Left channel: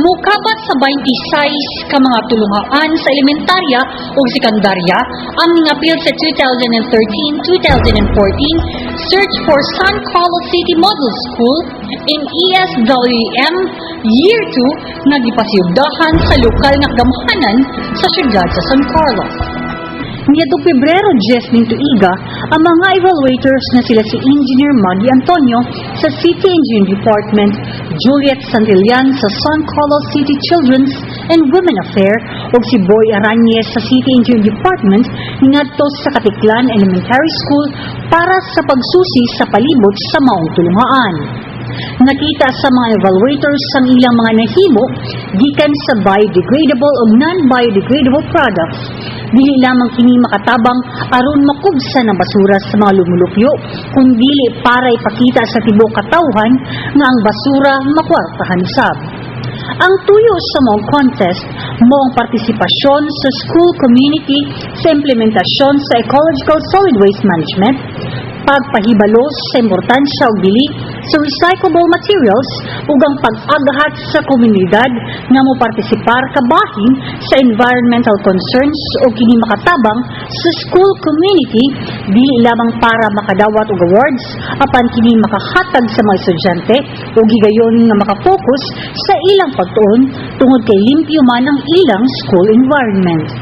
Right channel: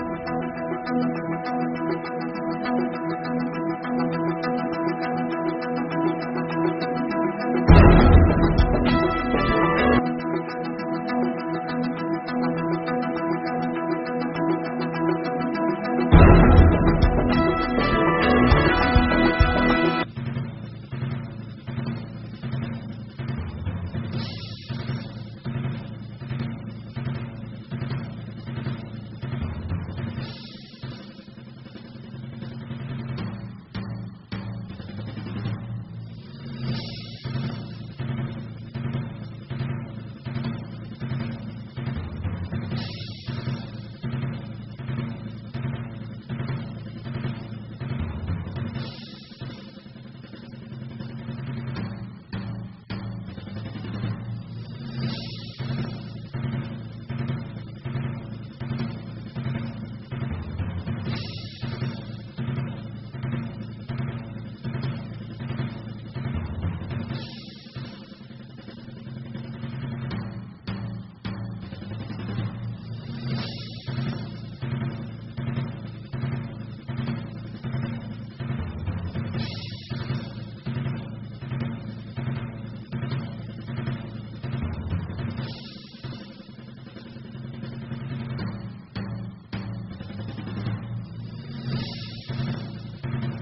mukabat sa 26 ka mga tulungaan sa elementarya o sekundarya ang ningapil sa 2013-2014 Search for San Carlos City Model School in ESWM Year 2 nga gipasiyugdahan sa lokal nga gamhanan sa syudad sa San Carlos. Niyadto Pebrero 10 nito iga, ang mga evaluators na sila si Engineer Maggie Antonio sa City Engineering Department, Juliet Santillan sa San Carlos City Children's and Women Affair ug si Boy Arañez sa City Engineering Department ngadto sa Katiklan Elementary School para sa pagsusi sa palibot sa maong tulungaan. Nakita sa mga evaluators ang ilang mga nahimo gikan sa biodegradable o non-biodegradable products. Dili lamang kini makatabang aron makubsa ng basura sa mga lumulupyo, kundi para ipakita sa tibok katawhan nga ang basura makwartahan usab. Ang tuyo sa mga contest mo ang partisipasyon sa school community sa implementasyon sa ecological solid waste management, pagpahibalo sa importansya og dili sa recyclable materials ug ang pag-agahat sa komunidad nga mopartisipar kabahin sa environmental concerns o kini makatabang sa school community dili lamang para makadawat og awards apan kini makahatag sa mga estudyante ug higayon nga makapokus sa ilang pagtuon tungod kay limpyo man ang ilang school environment.